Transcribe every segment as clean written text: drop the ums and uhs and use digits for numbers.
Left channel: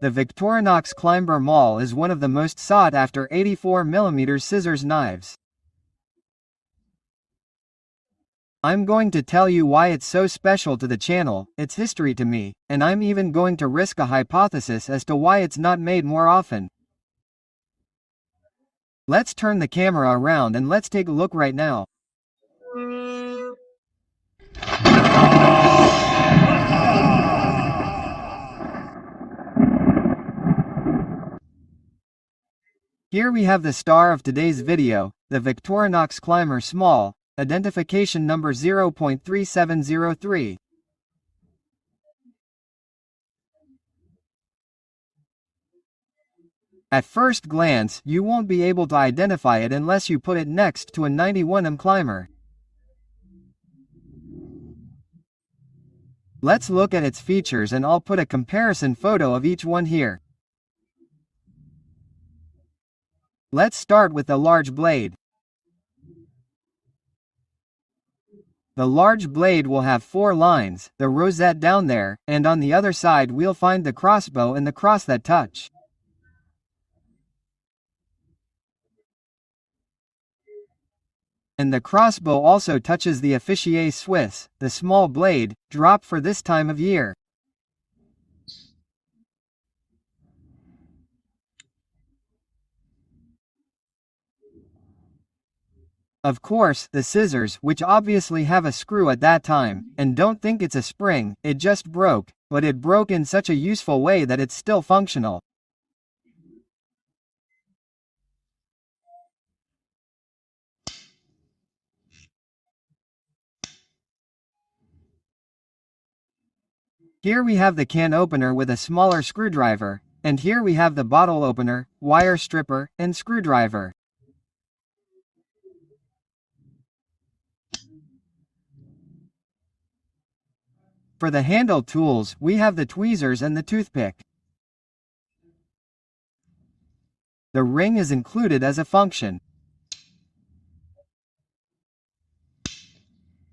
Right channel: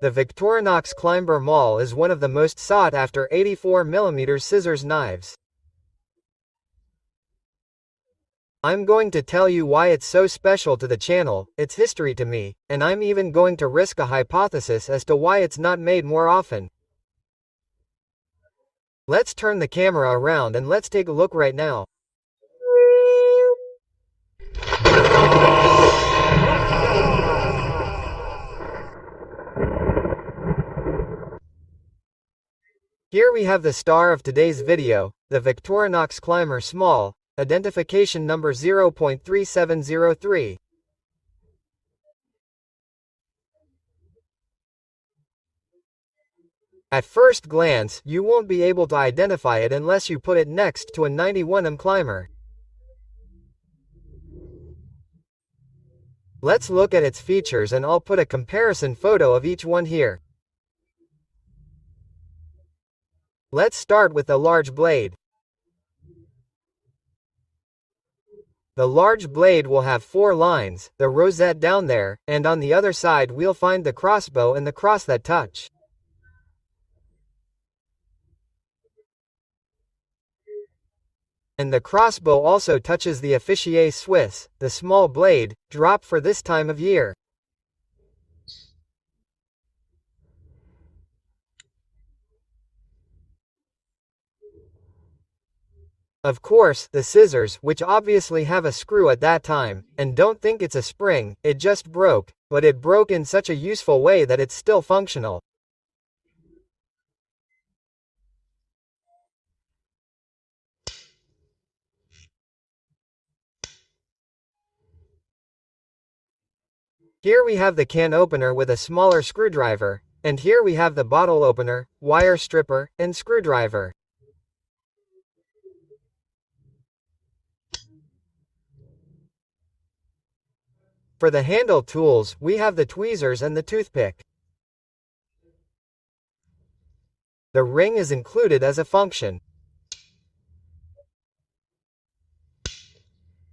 The Victorinox Climber Small is one of the most sought-after 84mm scissors knives. I'm going to tell you why it's so special to the channel, its history to me, and I'm even going to risk a hypothesis as to why it's not made more often. Let's turn the camera around and let's take a look right now. Here we have the star of today's video, the Victorinox Climber Small, identification number 0.3703. At first glance, you won't be able to identify it unless you put it next to a 91mm climber. Let's look at its features and I'll put a comparison photo of each one here. Let's start with the large blade. The large blade will have 4 lines, the rosette down there, and on the other side we'll find the crossbow and the cross that touch. And the crossbow also touches the officier Swiss, the small blade, drop for this time of year. Of course, the scissors, which obviously have a screw at that time, and don't think it's a spring, it just broke, but it broke in such a useful way that it's still functional. Here we have the can opener with a smaller screwdriver, and here we have the bottle opener, wire stripper, and screwdriver. For the handle tools, we have the tweezers and the toothpick. The ring is included as a function.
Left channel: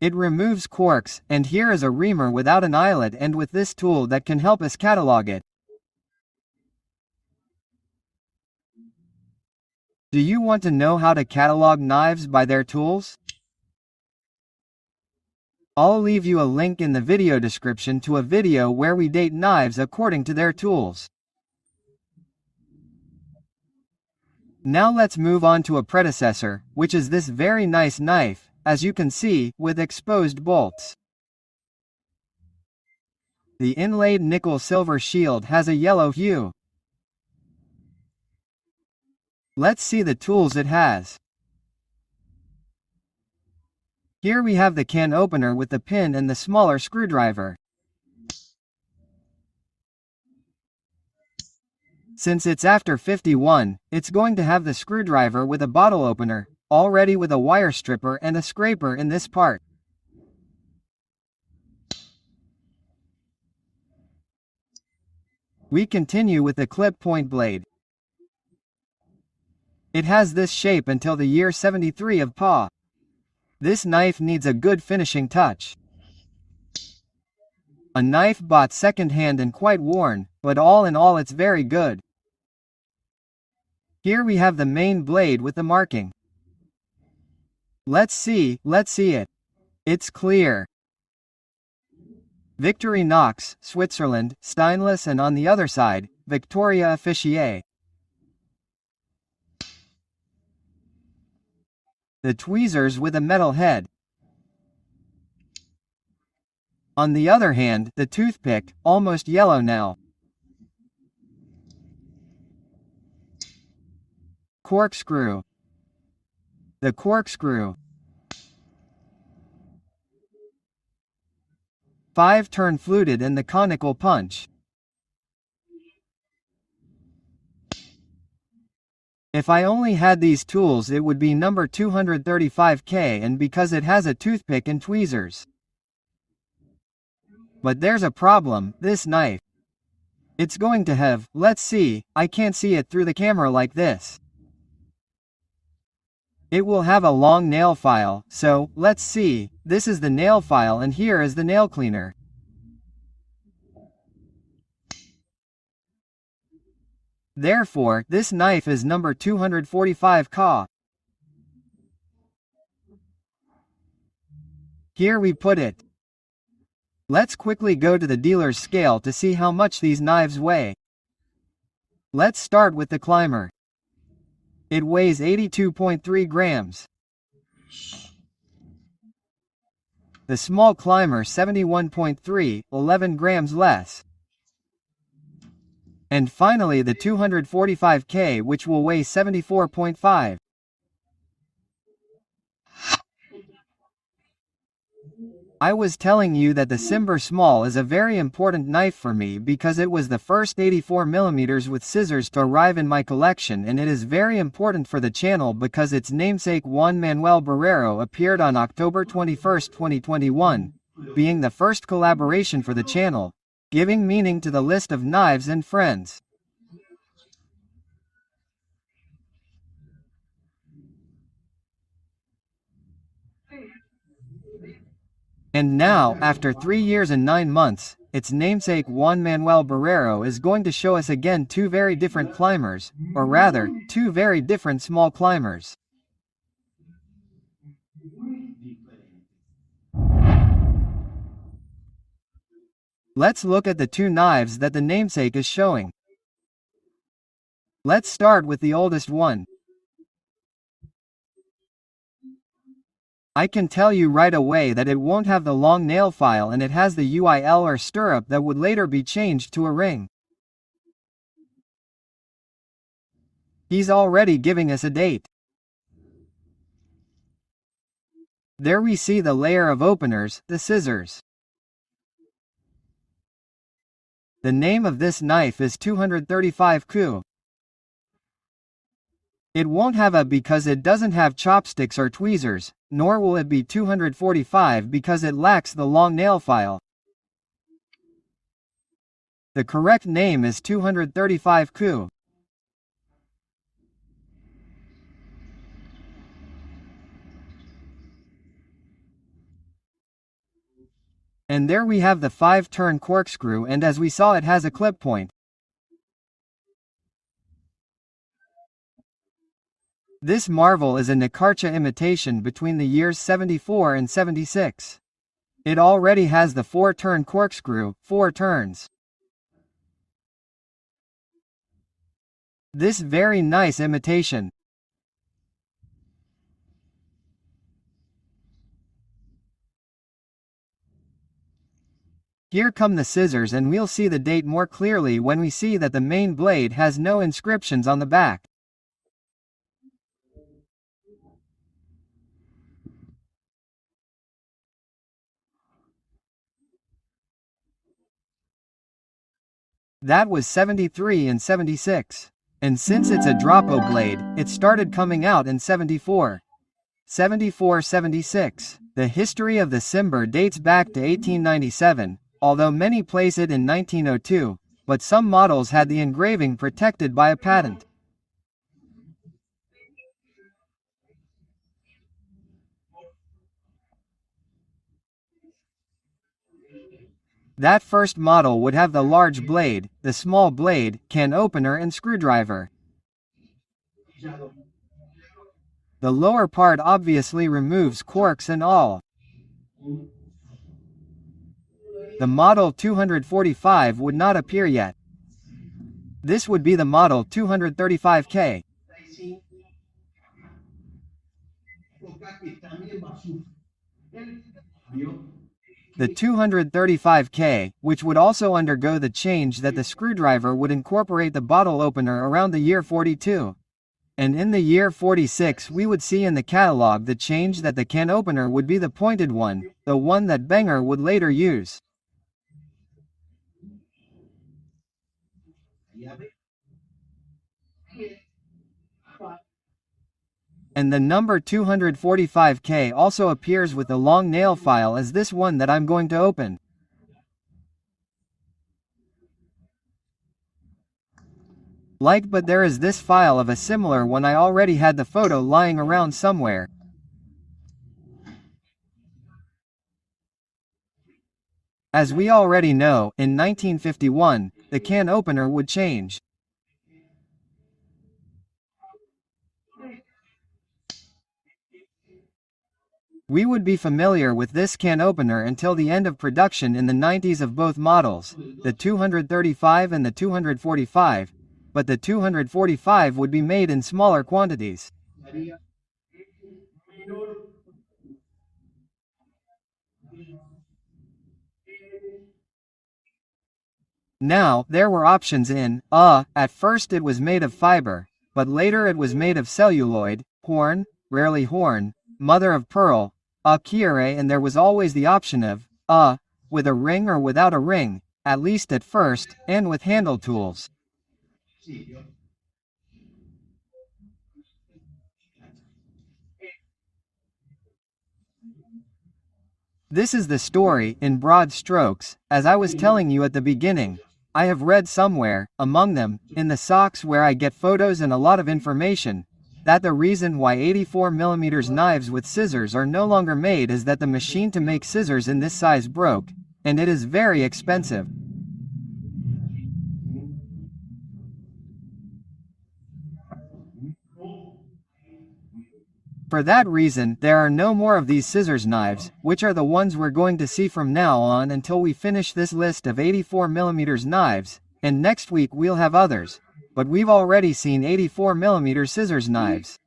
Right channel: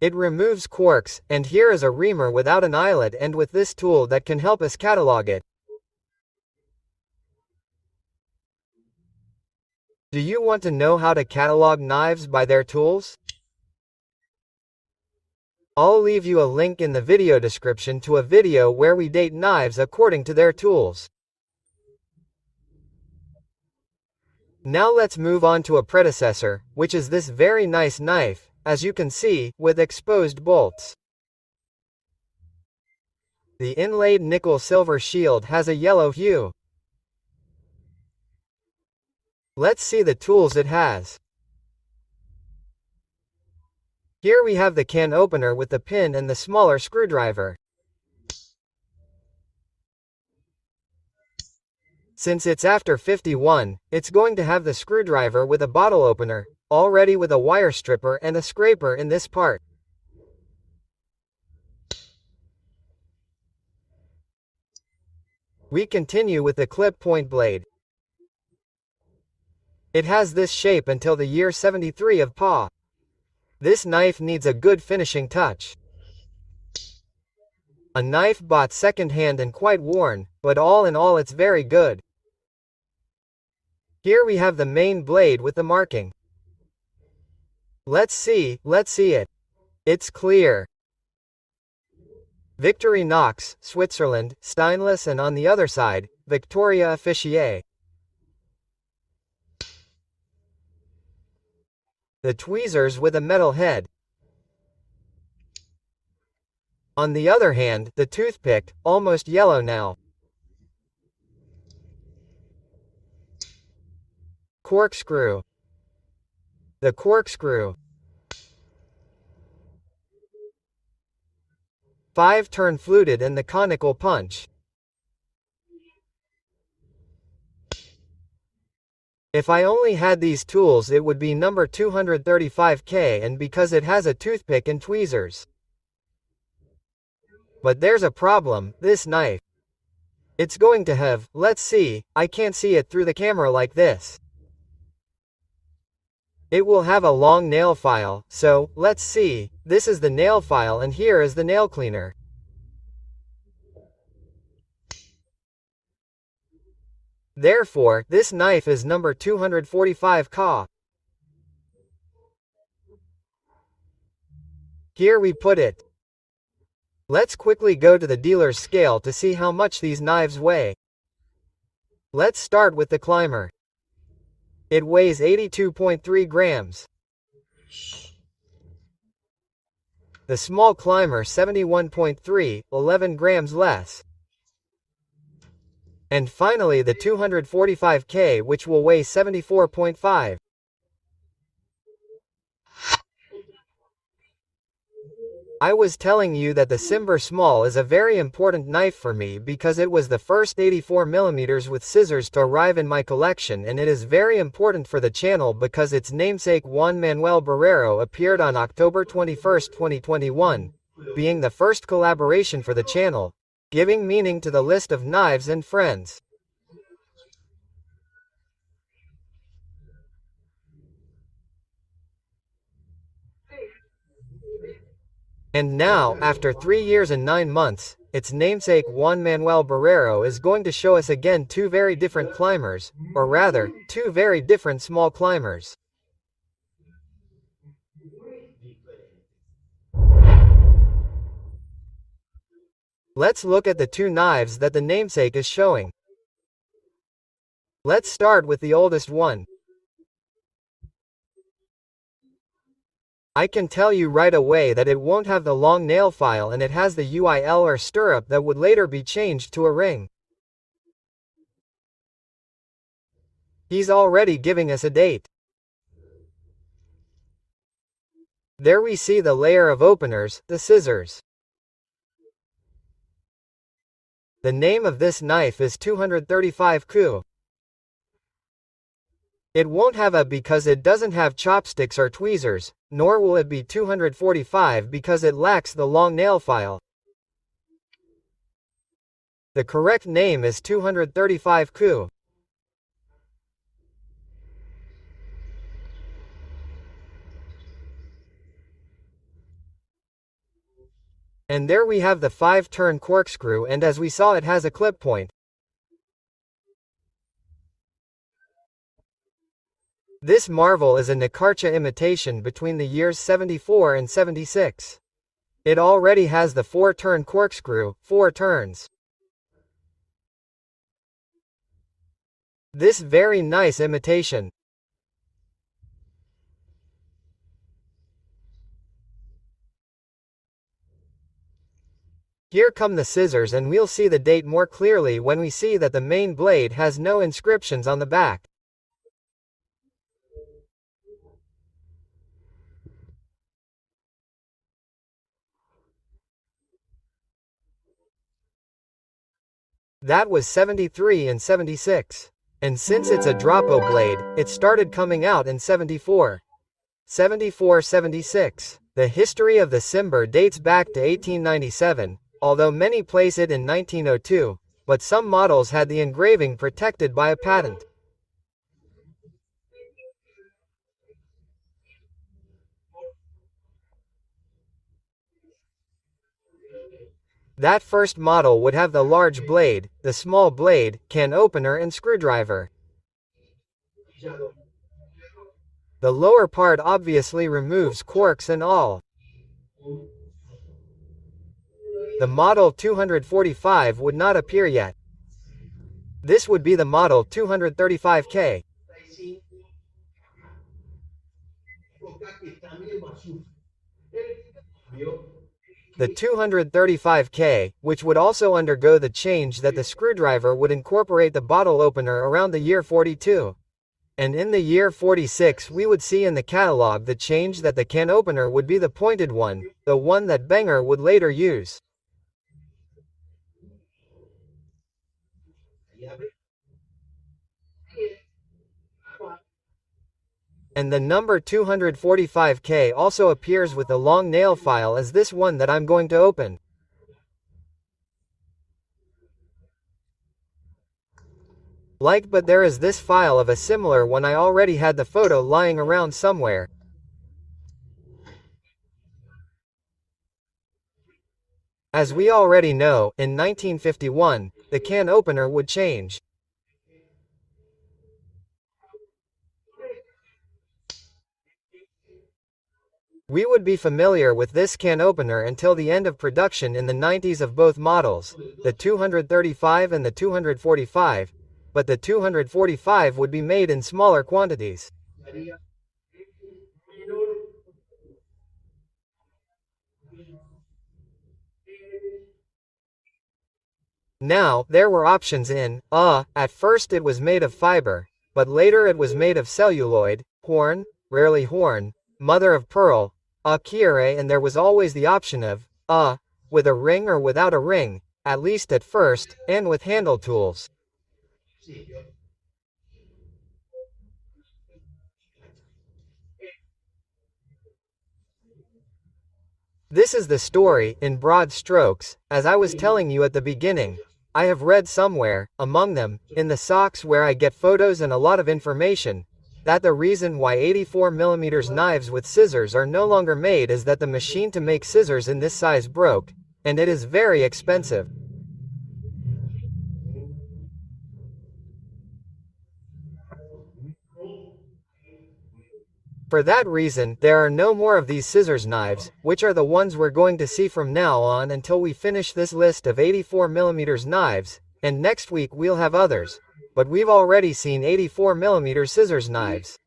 It removes corks, and here is a reamer without an eyelet and with this tool that can help us catalog it. Do you want to know how to catalog knives by their tools? I'll leave you a link in the video description to a video where we date knives according to their tools. Now let's move on to a predecessor, which is this very nice knife, as you can see, with exposed bolts. The inlaid nickel-silver shield has a yellow hue. Let's see the tools it has. Here we have the can opener with the pin and the smaller screwdriver. Since it's after 51, it's going to have the screwdriver with a bottle opener, already with a wire stripper and a scraper in this part. We continue with the clip point blade. It has this shape until the year 73 of PA. This knife needs a good finishing touch. A knife bought second-hand and quite worn, but all in all it's very good. Here we have the main blade with the marking. Let's see it. It's clear. Victorinox, Switzerland, stainless, and on the other side, Victoria officier. The tweezers with a metal head. On the other hand, the toothpick, almost yellow now. Corkscrew. The corkscrew. 5-turn fluted and the conical punch. If I only had these tools it would be number 235K, and because it has a toothpick and tweezers. But there's a problem, this knife. It's going to have, let's see, I can't see it through the camera like this. It will have a long nail file, so, let's see, this is the nail file and here is the nail cleaner. Therefore, this knife is number 245 Ka. Here we put it. Let's quickly go to the dealer's scale to see how much these knives weigh. Let's start with the climber. It weighs 82.3 grams. The small climber 71.3, 11 grams less. And finally the 245K, which will weigh 74.5. I was telling you that the Climber Small is a very important knife for me because it was the first 84mm with scissors to arrive in my collection, and it is very important for the channel because its namesake Juan Manuel Barrero appeared on October 21, 2021, being the first collaboration for the channel, giving meaning to the list of knives and friends. And now, after 3 years and 9 months, its namesake Juan Manuel Barrero is going to show us again two very different climbers, or rather, two very different small climbers. Let's look at the two knives that the namesake is showing. Let's start with the oldest one. I can tell you right away that it won't have the long nail file, and it has the UIL or stirrup that would later be changed to a ring. He's already giving us a date. There we see the layer of openers, the scissors. The name of this knife is 235 Ku. It won't have a because it doesn't have chopsticks or tweezers, nor will it be 245 because it lacks the long nail file. The correct name is 235 Ku. And there we have the 5-turn corkscrew, and as we saw, it has a clip point. This marvel is a Nikarcha imitation between the years 74 and 76. It already has the 4-turn corkscrew, 4 turns. This very nice imitation. Here come the scissors, and we'll see the date more clearly when we see that the main blade has no inscriptions on the back. That was 73 and 76. And since it's a Dropo blade, it started coming out in 74. 74-76. The history of the Climber dates back to 1897, although many place it in 1902, but some models had the engraving protected by a patent. That first model would have the large blade, the small blade, can opener and screwdriver. The lower part obviously removes corks and all. The model 245 would not appear yet. This would be the model 235K. The 235K, which would also undergo the change that the screwdriver would incorporate the bottle opener around the year 42. And in the year 46 we would see in the catalog the change that the can opener would be the pointed one, the one that Benger would later use. And the number 245K also appears with the long nail file as this one that I'm going to open. But there is this file of a similar one. I already had the photo lying around somewhere. As we already know, in 1951, the can opener would change. We would be familiar with this can opener until the end of production in the 90s of both models, the 235 and the 245, but the 245 would be made in smaller quantities. Now, there were options at first it was made of fiber, but later it was made of celluloid, horn, rarely horn, mother of pearl, cuirae, and there was always the option of, with a ring or without a ring, at least at first, and with handle tools. This is the story, in broad strokes, as I was telling you at the beginning. I have read somewhere, among them, in the socks where I get photos and a lot of information, that the reason why 84mm knives with scissors are no longer made is that the machine to make scissors in this size broke, and it is very expensive. For that reason, there are no more of these scissors knives, which are the ones we're going to see from now on until we finish this list of 84mm knives, and next week we'll have others. But we've already seen 84mm scissors knives.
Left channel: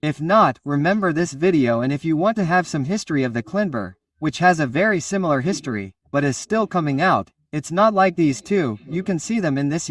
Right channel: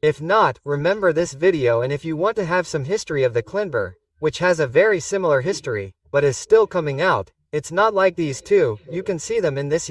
If not, remember this video, and if you want to have some history of the Climber, which has a very similar history, but is still coming out, it's not like these two, you can see them in this